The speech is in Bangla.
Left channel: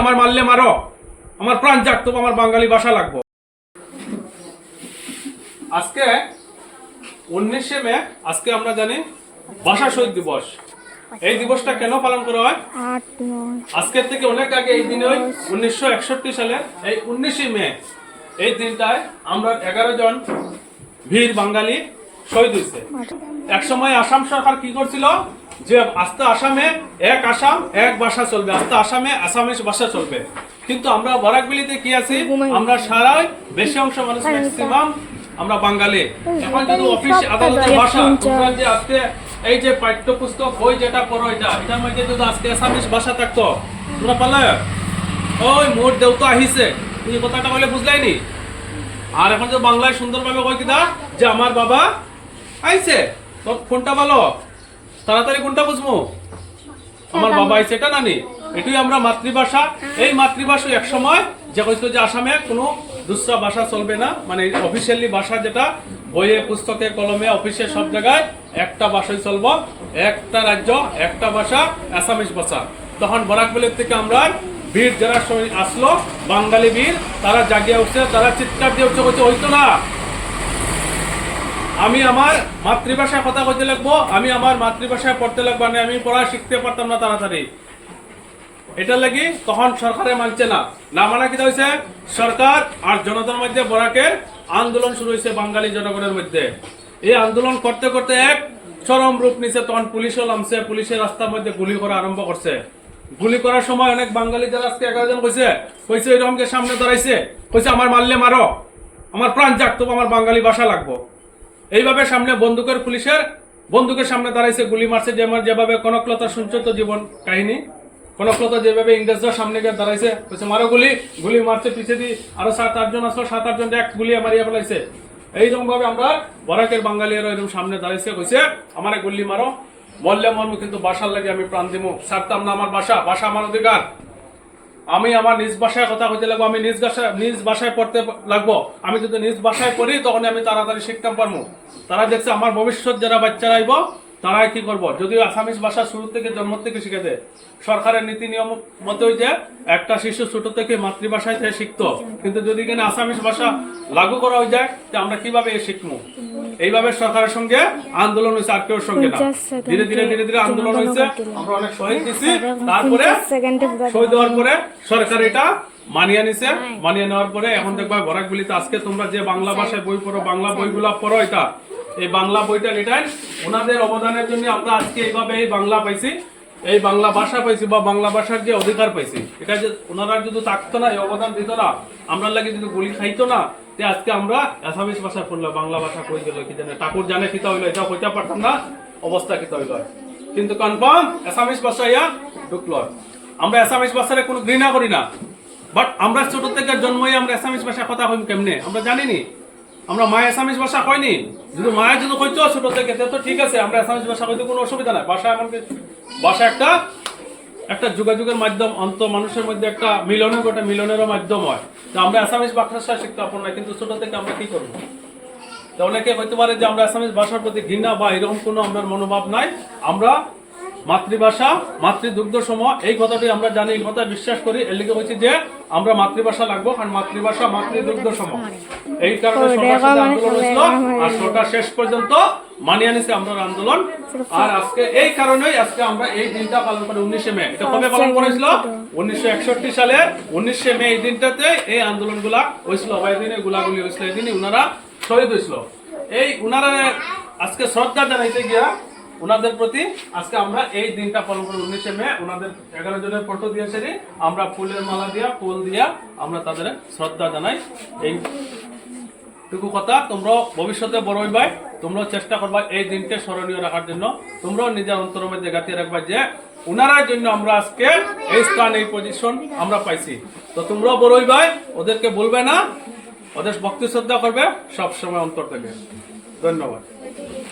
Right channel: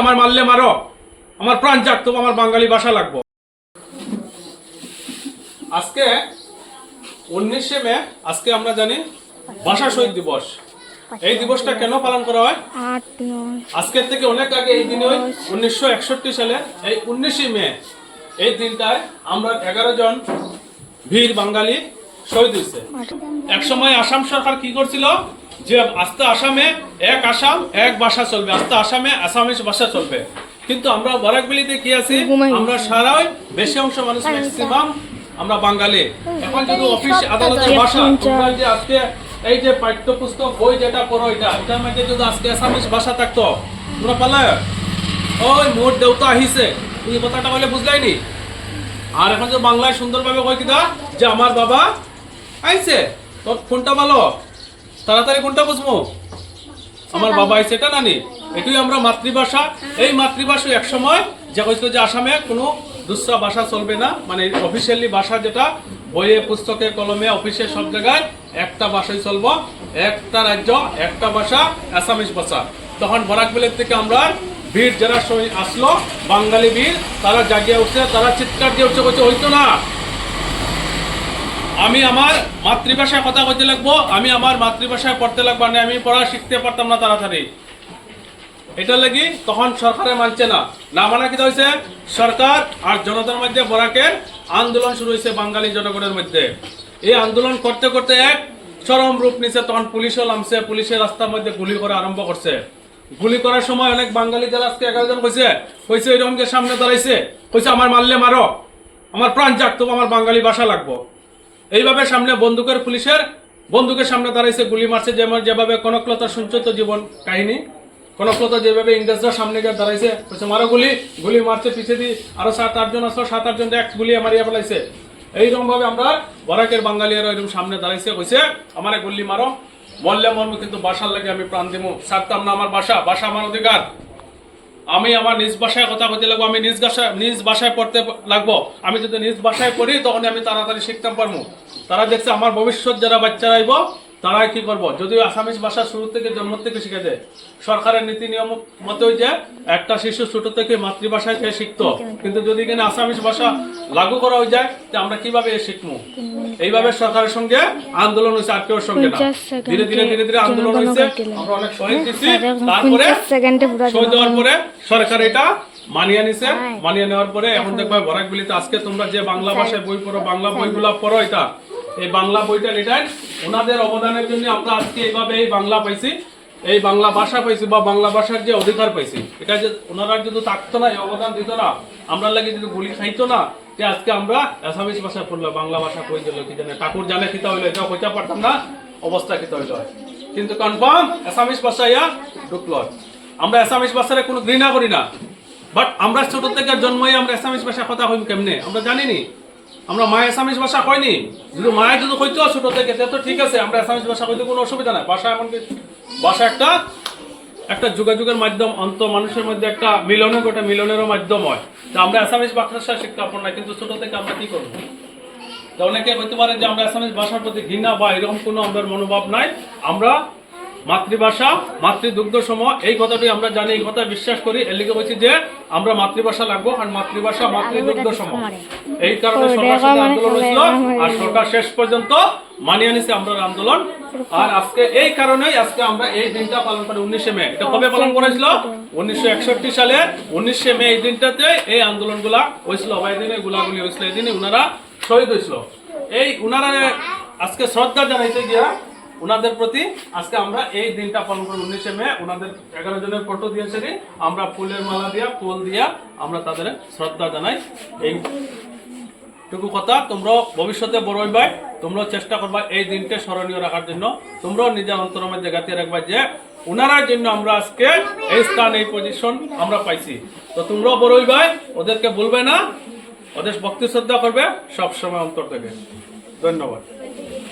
আমার মারলে মারো। আমার প্রাণ তবু আমার বাঙালি ভাষা লাগবো। আজকে উনিশে মে আজকে আমরা জানি ভাষা শহীদ দিবস। এই দিবসটা কেন পালন করা হয়? আজকের থেকে অনেক আগে এই দিনে উনিশশো একষট্টি সালে এই উনিশে মে এই দিনটায় আমরা এগারো জন বীর বাঙালি শহীদ হয়েছে। এক সময় আসাম সরকার কি করছিল? যে আস্তে আসামে এক আসাম এক ভাষা চলবে। আস্তে আসামে আসামিস ভাষা চলবে। কিন্তু আমরা বরাকবিলিতে কি আছি? আমরা সারাই বেশি অংশ মানুষ ম্যাক্সিমাম আমরা বাঙালি। এখন যদি অফিস আদালতের ভাষা যে আজকে এই যে পাঠ্যপুস্তক বই যেটা পড়ো এটা এটার মধ্যে যদি আজকে আসামিস ভাষা থাকতো তোমরা পালে ওই মোর দেউতা আহিছে। তুমি কথাটা বলে বুঝলাইনি? আর এখন যে বাংলায় সুন্দরভাবে কই কিনা যে আমার বাবা আইছে তোর কোনটা ভালো। তাড়াতাড়ি কোনটা বুঝব? আমার বাবা আইছে এটা নানি এটাই আমরা মাতৃভাষা। এই মাতৃভাষা এক সময় যে কইতো যে আসামে কোনো দুসরা ভাষা চলবে না। মানে অফিসিয়ালি ভাষা যেটা, বইয়ে, পুস্তকে, কলমে অফিসে সব জায়গায় একটা ভাষাই চলবো। একটা রাজ্য, একটা ভাষা আসামিস ভাষা। তখন বরাকবেলের থেকে আমরা বীর যারা আসলো। বাঙালি বীর, তারা জাগিয়ে উঠছে, তারা চিৎকার দিয়ে উঠছে হইতো না আমি আমার মাতৃভাষায় কথা কইতে লাগবো, আমি আমার মাতৃভাষায় পড়তে লাগবো না আমি পড়া শিখতে পারতাম না তাড়াতাড়ি। এটা লাগি তখন সরকারে মানছে না। না মানা কি হয়েছে সরকার আর জনতার মধ্যে বরাকের আন্দোলন শুরু হয়েছে বাঙালি জনগণের মধ্যে। এই আন্দোলন করতে করতে এক চরম রূপ নিছে, তখন পুলিশও নামছে, পুলিশের রাস্তার মধ্যে গুলি করা আরম্ভ করছে। গুলি করার সময় অনেক বাঙালি যারা এগারো জন কইছে কইছে এরকম যে সামনে দাঁড়াইছে, কইছে, আমার মারলে মারো, আমার প্রাণ তবু আমার বাঙালি ভাষা লাগবো। এইভাবে সামনে বন্দুকের পুলিশের, বন্দুকের সামনে দাঁড়াইছে, গুলি মারছে যেমন যেভাবে কনকলতা শুনছো তো জীবন কাহিনী, কনকলতা যেভাবে ইংরেজরা সামনে গিয়ে দাঁড়াইছে, বলছে, মারো গুলি। গুলি মারছে পিছিয়ে দিয়ে আরও সাত আটজন আসলো, সাত আটজন এক গুলি মারিয়া ফেলাইছে। এইরকম ভাবে আমরা বরাকের বাঙালিরা এরকম সামনে দাঁড়াইছে, কইছে, আমার গুলি মারো, মরলে মর্ম কিন্তু বাসার লাগে আমি প্রাণ দিব ছাড়তাম না আমার বাসা বাসা আমার অধিকার। আমি আমার নিজ ভাষায় কথা বলতে লাগবো, আমি নিজ ভাষায় নিজ বাসায় পড়তে লাগবো। আমি যদি নিজ বাসায় পড়ি তখন আমি তাড়াতাড়ি শিখতে পারব। তারা দেখছে আমার ভবিষ্যৎ যারা বাচ্চারা আইব তারাই কি করব? যদিও আসামিস ভাষা শুরু থেকে জন্ম থেকে শিখে দেয় সরকারের নীতি নিয়ম মতে যে একটা শিশু ছোট থেকে মাতৃভাষায় সে শিখতো। কিন্তু যদি কিনা আসামিস ভাষা লাগু করা হয়ে যায় যে আমরা কীভাবে এ শিখব এইভাবে সরকারের সঙ্গে আন্দোলন হয়েছে আর কেউ সঙ্গে না। ধীরে ধীরে ধীরে ধীরে আন্দোলন হয়েছে। আমরা অনেক শহীদ দিচ্ছি তারপরে পঞ্চাশ সেকেন্ডে পুরো সরকার এটা মানিয়ে নিছে। মানিয়ে নেওয়ার পরে এখন দেখবা বরাকগুলিতে আজকে তোমরা যে বাংলা ভাষায় বই পড়ো বাংলা বইগুলা পড়ো এটা এই বাংলা বইটা এটাই ওনাদের অবদানের জন্য আমরা আজকে এইভাবে এই বাংলা পাইছি, এই বাংলা ভাষা পাইছি বা বাংলা ভাষার যে অধিকার পাইছি, এটা যে ওনারা যদি থাকতো না, এই অবদান দিত না আমরা লাগে যদি গুলি খাইতো না যে আজকে আমরা অ্যাসামিস ভাষা পড়লাম, বাংলা ভাষা কই দিল কি জানে, ঠাকুর জানে খিতা হইল এটা কইতে পারতাম না, অবস্থা কিতা হইল। কিন্তু কনফার্ম অ্যাসামিস ভাষা ইয়া ঢুকলো। আমরা অ্যাসামিস ভাষারে কোনো ঘৃণা করি না বাট আমরা ছোট থেকে জন্মই আমরা অ্যাসামিস ভাষা কথা কইম কেমনে? আমরা জানিনি। আমরা মায় আসামিজ ভাষা কইনি। যদি মায়ের যদি কইতো ছোট থেকে, তো ঠিক আছে, আমরা আসামিজ ভাষা কইতে কোনো অসুবিধা নাই। ভাষা এমন ভাষা একটা একটা যোগাযোগের মাধ্যম, অন্ত মানুষের মধ্যে একটা মিলনের গোটা মিলনেরও মাধ্যম হয়। তো আমরা আসামিজ ভাষা শিখতে পারব না কিন্তু ছোট থেকে আমরা কি করব? তো অনেকে হইতে পারে যে আমরা আসামিস ভাষার প্রতি ঘৃণা বা এরকম কোনো আমাদের মনোভাব নাই। আমরা মাতৃভাষা মাতৃদুগ্ধ সম এই কথাটি আমরা জানি এই কথা বিশ্বাস করি। এর লিগে হচ্ছে যে আমরা মাতৃভাষা লাগবো কারণ মাতৃভাষা মাতৃদুগ্ধ সম এই কারণে আন্দোলন হয়েছিল আর সরকার শেষ পর্যন্ত মানিয়ে নিছে আমরা আন্দোলন। আর আজকে এই কারণেই আজকে আমরা এই দিনটা পালন করি উনিশে মে। এটা কবে পালন করেছিল? উনিশশো একষট্টি সালে উনিশে মে এই দিনটাতে এই আন্দোলনগুলা হয়েছিল। অবাই দিনে গুলাগুলি হয়েছিল এই দিনে উনারা শহীদ হয়েছিল। এই উনারা আজকে শ্রদ্ধা জানাইতে গিয়া উনাদের প্রতি আজকে আমরা এই দিনটা পালন করি উনিশে মে, ওনাদের এগারো জনের ফটো দিয়েছে আমরা ফুলের মালা দিয়া, ফুল দিয়া আমরা তাদের শ্রদ্ধা জানাই। এই টুকু কথা তোমরা ভবিষ্যতে বড় হইবাই তোমরাও চেষ্টা করবা এই দিনকে স্মরণীয় রাখার জন্য। তোমরাও নিজের অন্তরের মধ্যে গাঁথিয়ে রাখবা যে উনারার জন্য আমরা আজকে এই স্থান, এই পজিশন আমরা পাইছি। তো তোমরাও বড় হইবাই ওদেরকে বলবে না, ওদের ভক্তি শ্রদ্ধা করবে, সবসময় অন্তর থেকে। ধন্যবাদ।